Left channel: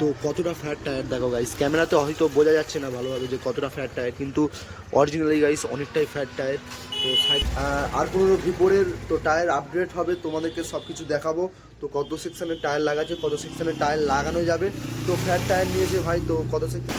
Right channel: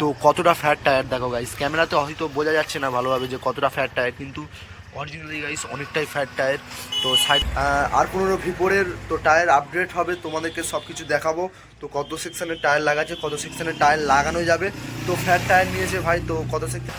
তো কতটা fat tyre দেখো গাইস, ক্যামেরাতে হয়তো বোঝা যাচ্ছে না ভালোভাবে যে কতটা ফ্যাট টায়ার, কিন্তু অরিজিনালি গাইস অনেকটাই ফ্যাট টায়ার। তো সাইড আর15 ভিপোরের তো টায়ার আপগ্রেড হবে, তোমাদেরকে সব কিছু দেখাবো। তো কত সেকশনের টায়ার লাগাচ্ছে, কত সেকশনের টায়ার লাগানো যাবে, তো ফ্যাট টায়ার নিয়েছে ভাই, তো কত section.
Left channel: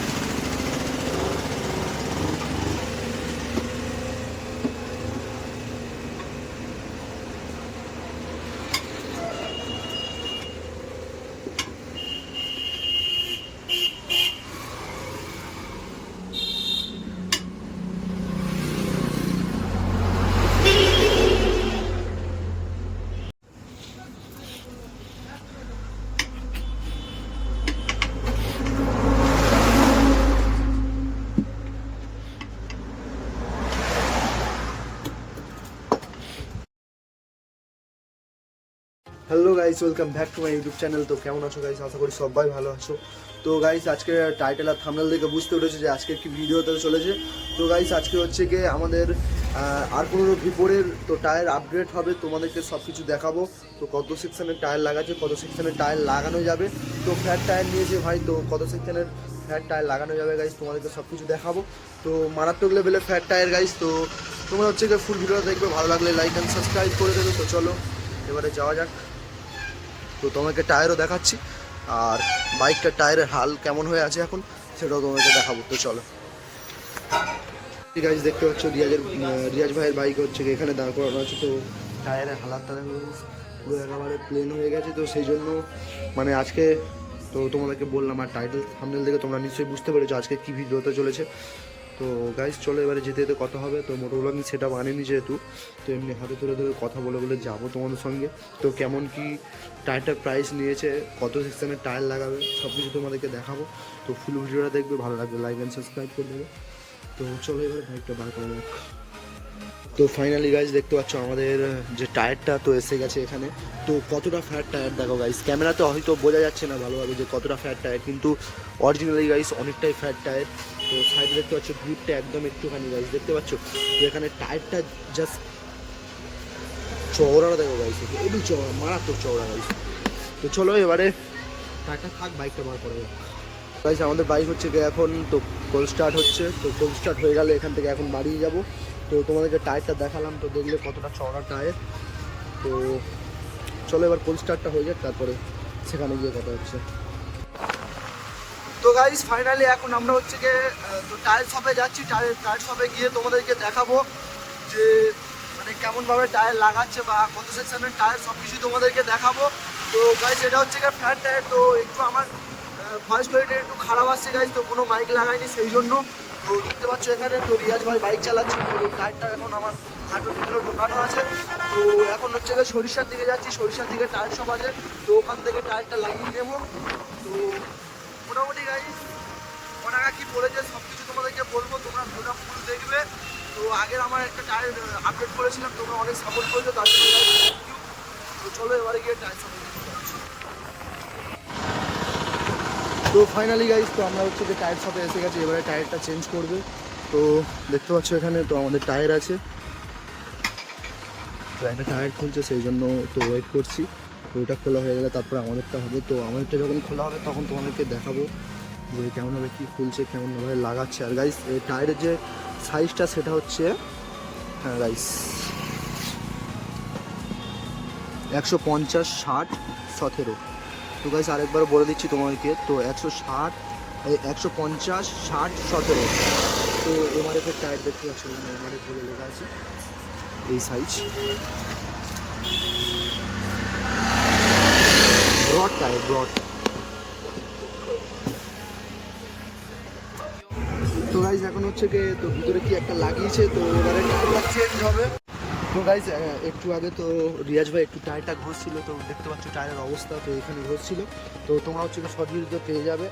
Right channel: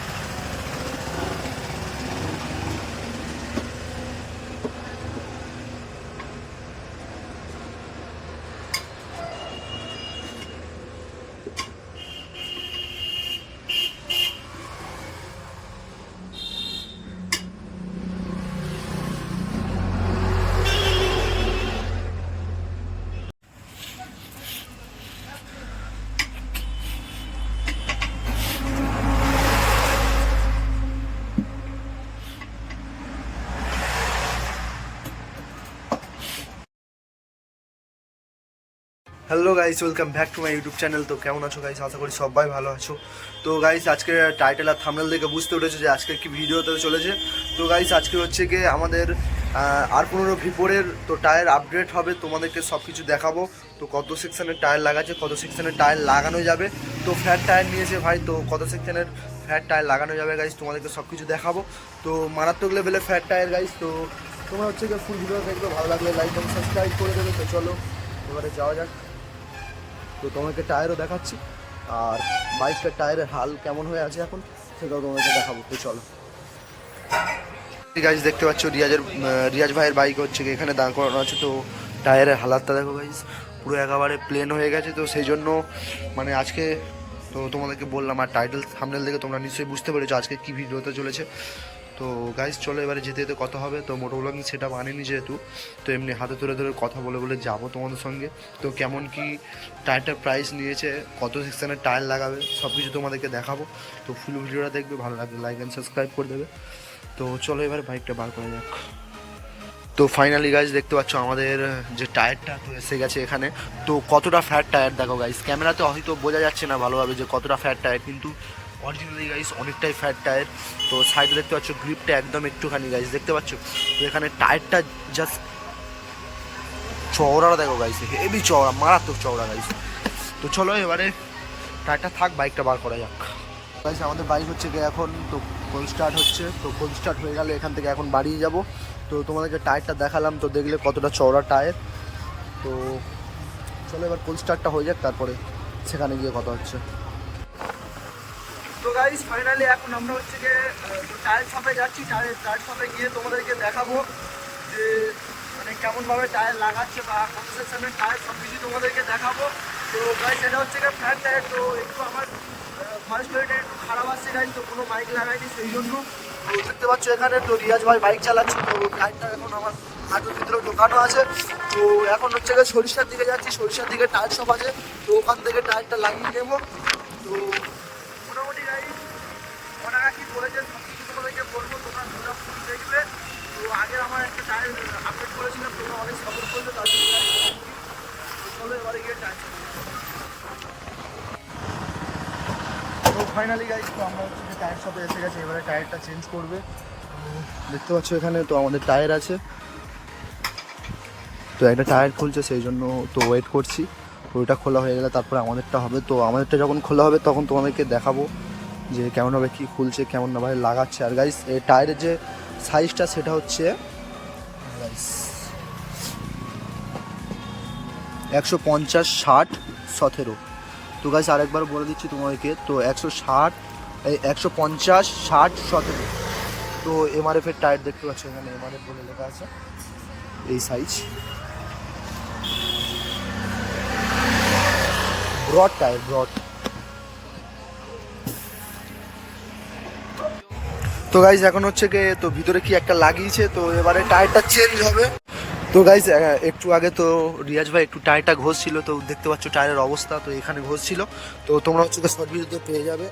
Hello guys, welcome back to my YouTube channel. তো কেমন আছো গাইস? আশা করি সবাই ভালো আছো। তো গাইস আজকে টাইটেল আর থাম্বনেল দেখে বুঝতে পেরেছো যে আজকে কি ভিডিও হতে চলেছে। তো গাইস আজকে হচ্ছে গিয়ে আমাদের আর15 ভিপোরের তো টায়ার আপগ্রেড হবে, তোমাদেরকে সব কিছু দেখাবো। তো কত সেকশনের টায়ার লাগাচ্ছে, কত সেকশনের টায়ার লাগানো যাবে, তো ফ্যাট টায়ার নিয়েছে ভাই, তো কত সেকশনের ফ্যাট টায়ার লাগানো যাবে গাইস, তোমাদেরকে সব কিছু দেখাবো। তো মারাত্মক লেভেলের ফ্যাট টায়ার গাইস। তো তোমরা হচ্ছে গিয়ে ফুল ভিডিও দেখবে, ভালো লাগলে লাইক অ্যান্ড সাবস্ক্রাইব করে দেবে। তো চলো এবারে যাওয়া যাক। তো তোমাকে টায়ারও দেখাচ্ছি, আর বাইকটার টায়ারের হাল কেমন হয়ে আছে এখন সেটাও তোমাকে দেখাবো। তো চলো। ঠিক আছে, দেখতে পাচ্ছ রিয়াজ ভাইয়ের বাইক হচ্ছে কি এখানে দাঁড় করানো আছে। তো টায়ারের হালাতটা দেখো গাইস, পুরো একেবারে প্লেন হয়ে গেছে। তো সেই জন্য মানে আজকে তো তোমাদেরকে বললাম, আর টাইটেল থাম্বনেল দেখে তোমরা নিশ্চয়ই বুঝতে পেরেছো আজকে কী ভিডিও হতে চলেছে। তো গাইস চলো এবারে যেতে যেতে কথা হবে। তো মোটো ব্লগিং সেটা বানিনি যেহেতু, তো এমনি হাতে ধরে ধরে কথা বলে বলে যাবো তোমাদের সঙ্গে। তো কেমন কি টায়ারটার প্রাইস নিয়েছে, কত সেকশনের টায়ার লাগাবে, সব কিছু তোমাদেরকে দেখাবো। তো ফুল ভিডিওটা দেখবে, ভালো লাগবে লাইক অ্যান্ড সাবস্ক্রাইব করে দেবে। তো চলো এবার বাইকটা বার করা যাক। তো ফাইনালি গাইজ দেখতে পাচ্ছ আমাদের যে টায়ারটা তো এসে গেছে এখানে। তো কতটা ফ্যাট টায়ার দেখো গাইজ, ক্যামেরাতে হয়তো বোঝা যাচ্ছে না ভালোভাবে যে কতটা ফ্যাট টায়ার, কিন্তু অরিজিনালি গাইজ অনেকটাই ফ্যাট টায়ার। তো সাইডে দেখতে পাচ্ছ গ্রিপটা একদম একটুখানি গাইজ দেখতে পাচ্ছ। তো এখানে টায়ারটা জাস্ট চওড়াটা দেখো গাইজ, হেভি চওড়া, মারাত্মক চওড়া গাইজ। তো চলো এবারে টায়ারটা থাক, বাইকটা বার করা যাক। গাইজ আমাদের বাইক হচ্ছে গিয়ে এখন তো কোল্ড স্টার্ট হচ্ছে। তো কোল্ড স্টার্ট হয়ে গেলে এখান থেকে এখন বাড়িয়ে যাব। তো তোমাদেরকে টায়ারটা দেখালাম, তো দেখলে কতটা চওড়া টায়ার। তো চলো এবার কোল্ড স্টার্টটা হয়ে যাক, তারপরে সেখানে গিয়ে কথা হচ্ছে। তো গাইজ ফাইনালি এখন আমরা হচ্ছে গিয়ে তো টায়ার শপে যাচ্ছি। টায়ার শপে গিয়ে তোমাদেরকে দেখাবো যে মানে কেমনভাবে টায়ার লাগাচ্ছে বা কত সেকশনের টায়ার, সব কিছু তোমাদেরকে দেখাবো। তো গাইজ এটা হচ্ছে গিয়ে ফ্ল্যাট টায়ার। তো একটু আমার ভয়েস কোয়ালিটি একটু খারাপ আসছে গাইজ, তো কোনো মাইক লাগাইনি সেই জন্য। তো দেখতে পাচ্ছ এখানে তো রিয়াজ ভাই বাইক চালাচ্ছে। তো টায়ারটা এখন আমার হাতের ভিতরে ঢোকানো আছে। তো এখন হচ্ছে গিয়ে সরিষার দিকে যাচ্ছি, সরিষার দিকে টায়ার শপ আছে, তো ওখান থেকে টায়ারটা লাগিয়ে নেবো। তো মোটামুটি গাইজ টাকা কী পড়েছে সব কিছু তোমাদেরকে বলবো, তোমরা ভিডিওটা ফুল দেখবে। তো আগের আমার একটা টায়ার আপডেট করেছিলাম, তোমরা অনেক সাপোর্ট করেছো, তার জন্য গাইজ থ্যাংক ইউ। তো চলো এবারে গিয়ে টায়ার শপে। তো ফাইনালি গাইজ তো আমরা হচ্ছে যে টায়ার শপে এসে গেছি, এবারে টায়ারটা চেঞ্জ করবে। তো দেখতে পাচ্ছ এখানে তো আমাদের টায়ার আছে। তো একটা টায়ার খুলছে সেই জন্য তো ওয়েট করছি। তো ওইটা খোলা হয়ে গেলে তারপরে আমাদেরটা হবে। তো আমাদেরটা যখন খোলা হবে তখন তোমাদেরকে দেখাবো যে কেমনভাবে কী খুলছে, কেমনভাবে লাগাচ্ছে। আর গাইস এই টায়ারের যে সাইজটা সেটা হচ্ছে গাইস 150/60/17। তো গাইস আরেকবার বলে দিচ্ছি তোমাদেরকে, তো 150/60/17। তো এমআরএফের টায়ার দেখতে পাচ্ছ এখানে এমআরএফ বলে লেখা আছে, এই সাইজ ব্রড টায়ার, ব্রড। তো গাইজ এখন হচ্ছে গিয়ে তো ভিতরে কি একটা লাগিয়েছে, তো এবারে টায়ারটা চেঞ্জ হবে। তো গাইজ একটু আগে তো রিয়াজ ভাই একটু টায়ারটা ঘষছিল, তো দেখতে পাচ্ছ টায়ারের অবস্থা, তো এখানে ঘষছিল। তো তোমরা হচ্ছে গিয়ে শর্ট ভিডিওতে পেয়ে যাবে,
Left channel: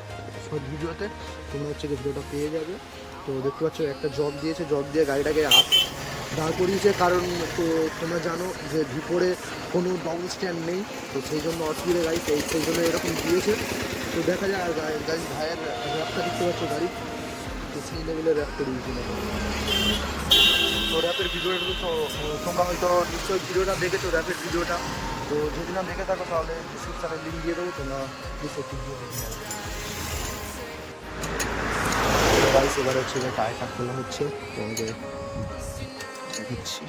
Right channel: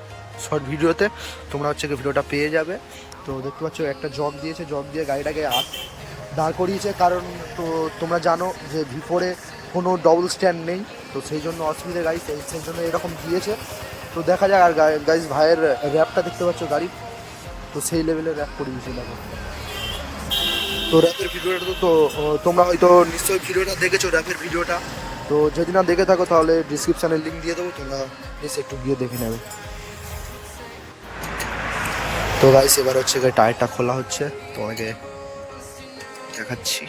শর্ট ভিডিওতে তোমরা হচ্ছে গিয়ে ভিডিওটা পেয়ে যাবে। তো দেখতে পাচ্ছ একটা জগ দিয়েছে, জগ দিয়ে গাড়িটাকে দাঁড় করিয়েছে, কারণ তো তোমরা জানো যে ভিপোরে কোনো ডবল স্ট্যান্ড নেই, তো সেই জন্য অসুবিধে গাইজ, সেই জন্য এরকম দিয়েছে। তো দেখা যাক। আর গাইজ ভাইয়ের র্যাপটা দেখতে পাচ্ছ গাড়ি, তো সেই লেভেলের র্যাপ করিয়েছি এখন। তো র্যাপের ভিডিওটা তো তোমরা হয়তো নিশ্চয়ই ভিডিওটা দেখেছো, র্যাপের ভিডিওটা। তো যদি না দেখে থাকো তাহলে ডিসক্রিপশানে লিঙ্ক দিয়ে দেবো, তোমরা প্লিজ একটু গিয়ে দেখে নেবে। তো গাইস এবার হচ্ছে টায়ারটা খোলা হচ্ছে, তোমাকে দেখাচ্ছি।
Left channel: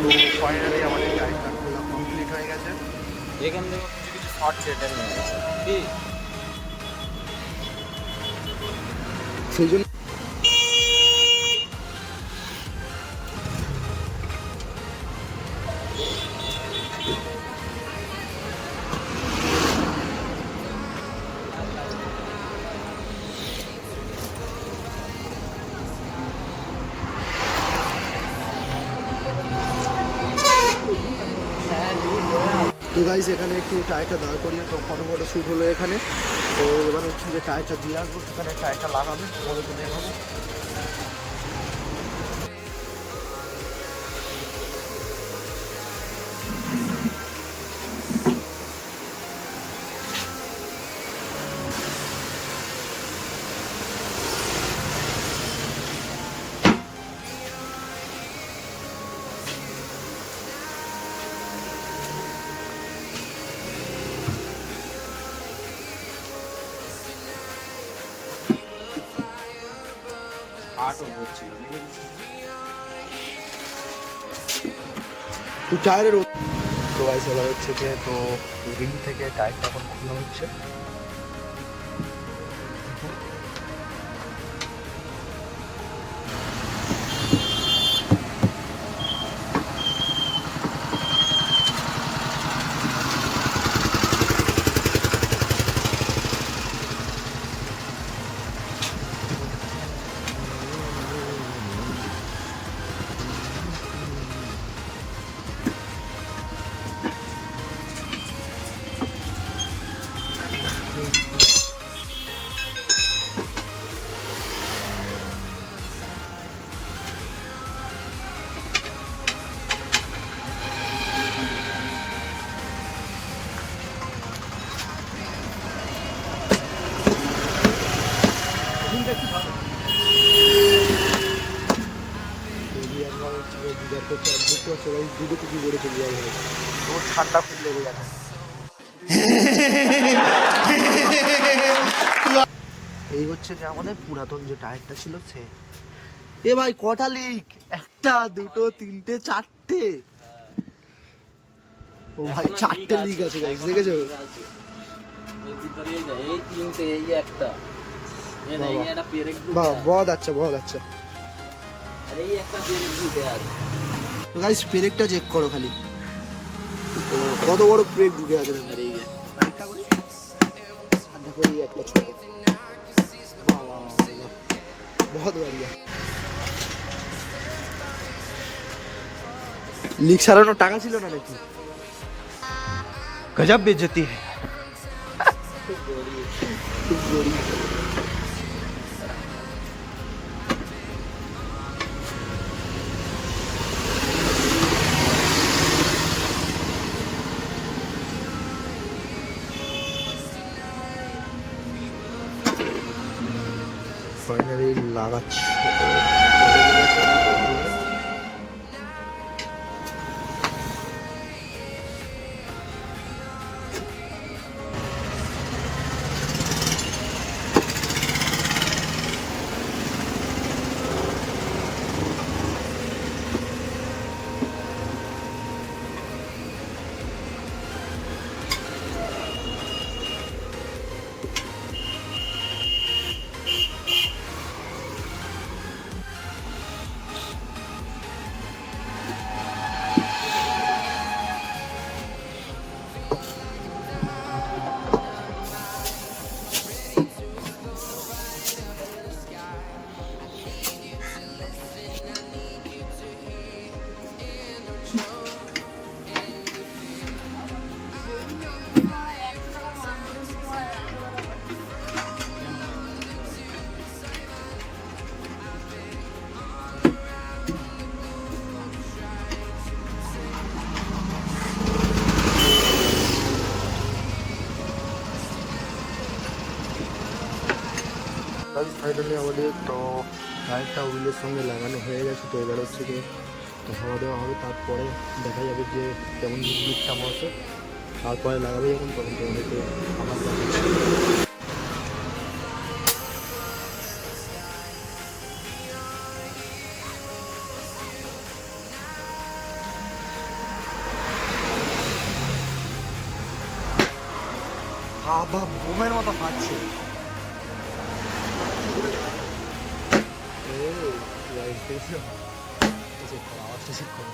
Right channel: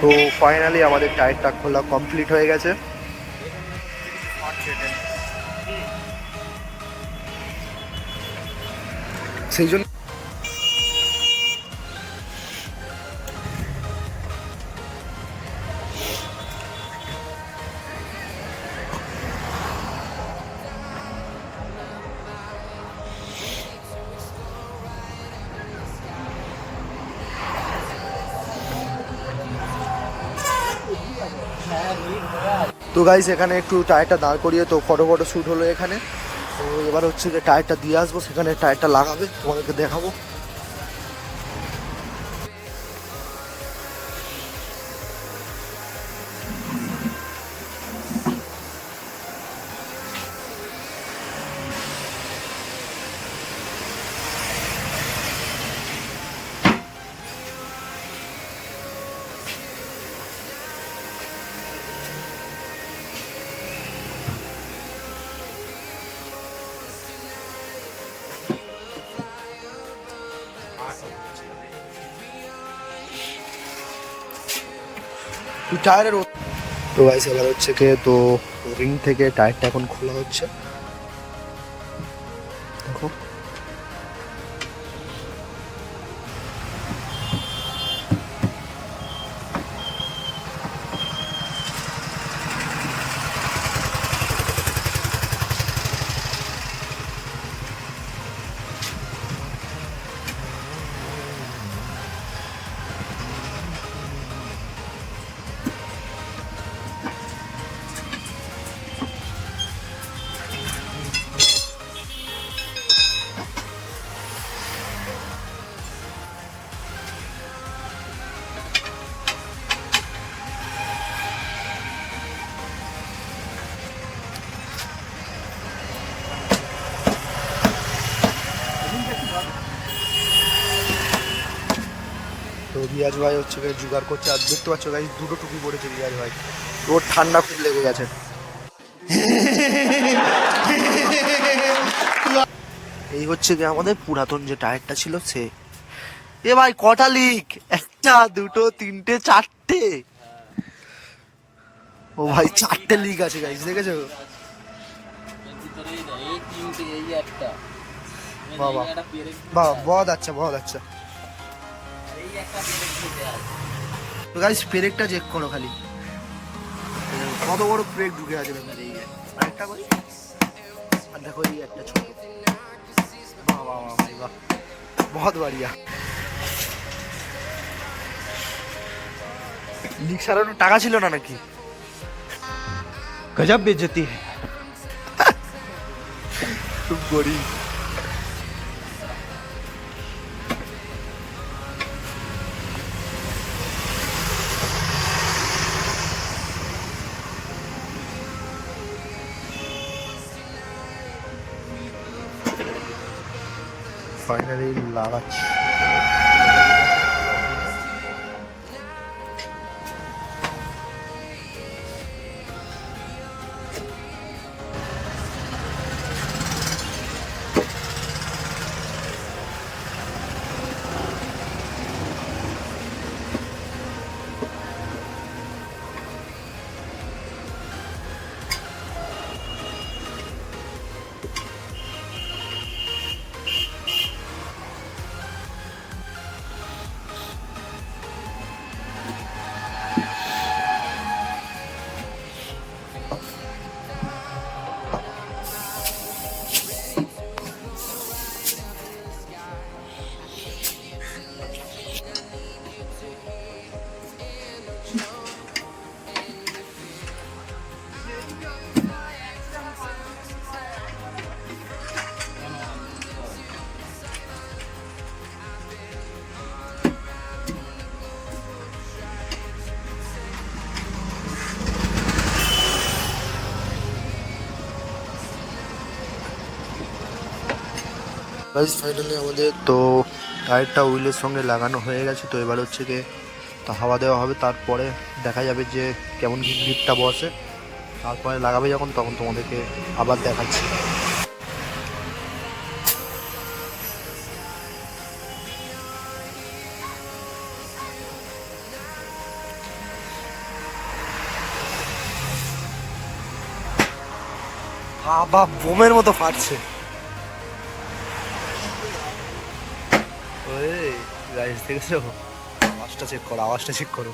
তো ফাইনালি আমাদের টায়ারটা খোলা কমপ্লিট হয়ে গেছে। সেই জন্য তো গাইস এখানে একটু টায়ারটা দাঁড় করিয়ে তো ফটো শ্যুট হলো এখানে। তো এবার হচ্ছে যে টায়ারটা দিয়ে আসবো, সেখানে টায়ারটা লাগাবে, তোমাদেরকে দেখাবো। টায়ারের তো গাইস এবার হচ্ছে যে তো রিং থেকে টায়ারটা এখন খোলা হচ্ছে, দেখো। তো রিয়াজ ভাই হচ্ছে জোগাড় করছে, আর দেখতে পাচ্ছ গাইস দুটো টুপি পড়েছে রিয়াজ ভাই, ওর ঠান্ডা খুব লেগে গেছে। এই হচ্ছে যে আমাদের পুরাতন যে টায়ারটা ছিল সে। এ ভাই কটা লিক, একটা দুটো তিনটে চারটে, ও ভাই চারটে লিক আছে গাইস, দেখেছো? বাবা বহুত আচ্ছা বহুত আচ্ছা। তো গাইস পেরেকটা চেক করো খালি, কত বড় পেরেক ঢুকে আছে দেখো। এই যে আরেকটা করে, আর দেখো এই একটা ছোট, বাহ বাহ বাহ বাহ, বহুত বাড়িয়া। লিক সারানোর টাকা ছিল না নাকি? গজব বেইজ্জতি है। খুব গরিব। ফাইনালি লাগাচ্ছি। গাইস ফাইনালি আমাদের তো টায়ারটা হুইলের সঙ্গে লাগানো হয়ে গেছে। তো এবার হচ্ছে কি তো হাওয়া দেওয়া হবে, তারপরে দেখা যাবে যে কেমন গ্রিপটা বসে, তারপরে লাগাবে যখন তখন তোমাদেরকে আবার দেখাচ্ছি। আবার বোমের মতো ফাটছে। গাইস দেখেছো, আওয়াজটা চেক করো, আওয়াজটা চেক করো।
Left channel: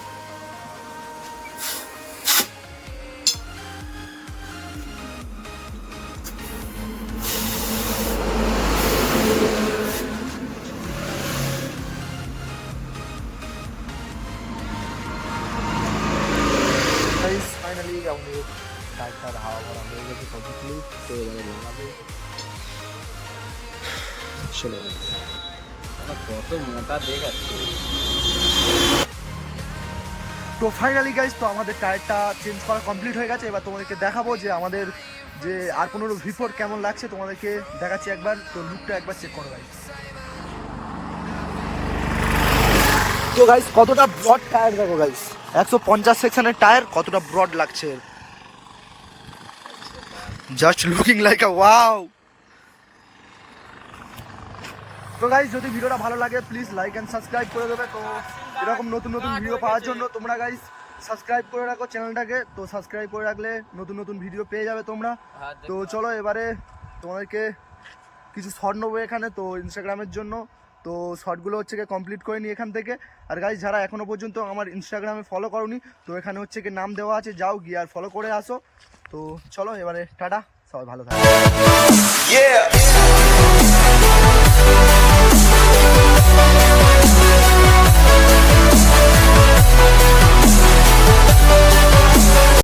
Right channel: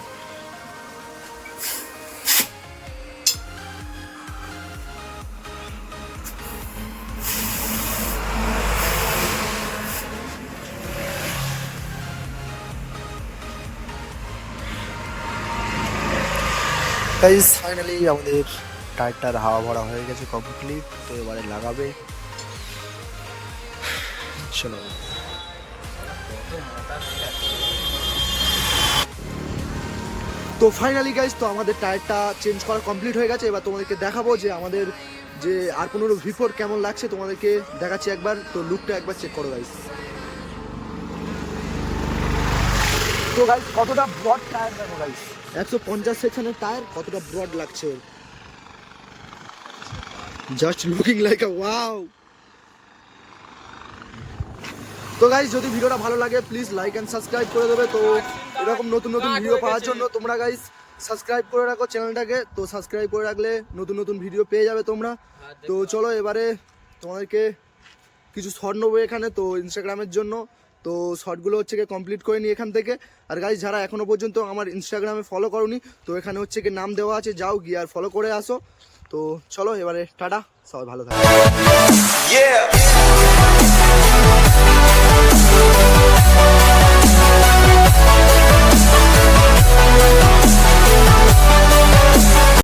গাইস ফাইনালি আমাদের টায়ারটার হাওয়া ভরা হয়ে গেছে কমপ্লিটলি। তো এবারে লাগাবে, চলো। তো ফাইনালি গাইস তো আমাদের টায়ারটা চেঞ্জ করা কমপ্লিট হয়ে গেছে। এবার তোমাদেরকে দেখাবো যে আমাদের যে R15 V4 কেমন লাগছে, তোমাদেরকে দেখাচ্ছি একবার। তো লুকটা একবার চেক করো গাইস। তো গাইস কতটা ব্রড টায়ার দেখো গাইস, 150 সেকশনের টায়ার, কতটা ব্রড লাগছে, জাস্ট লুকিং লাইক আ ওয়াও। তো গাইস যদি ভিডিওটা ভালো লাগে প্লিজ লাইক অ্যান্ড সাবস্ক্রাইব করে দেবে। তো এরকম নতুন নতুন ভিডিও পাওয়ার জন্য তোমরা গাইস সাবস্ক্রাইব করে রাখো চ্যানেলটাকে। তো সাবস্ক্রাইব করে রাখলে নতুন নতুন ভিডিও পেয়ে যাবে তোমরা। তো চলো এবারে তোমাদেরকে কিছু শর্ট নেবো এখানে, তো ইনস্টাগ্রামের জন্য। তো শর্টগুলো হচ্ছে গিয়ে কমপ্লিট করে নিই এখান থেকে। আর গাইস যারা এখনও পর্যন্ত আমার ইনস্টাগ্রামে ফলো করোনি, তো এখানে হচ্ছে গিয়ে নাম দেওয়া আছে, যাও গিয়ে আর ফলো করে আসো। তো চলো এবারে টাটা, সবাই ভালো থাকো।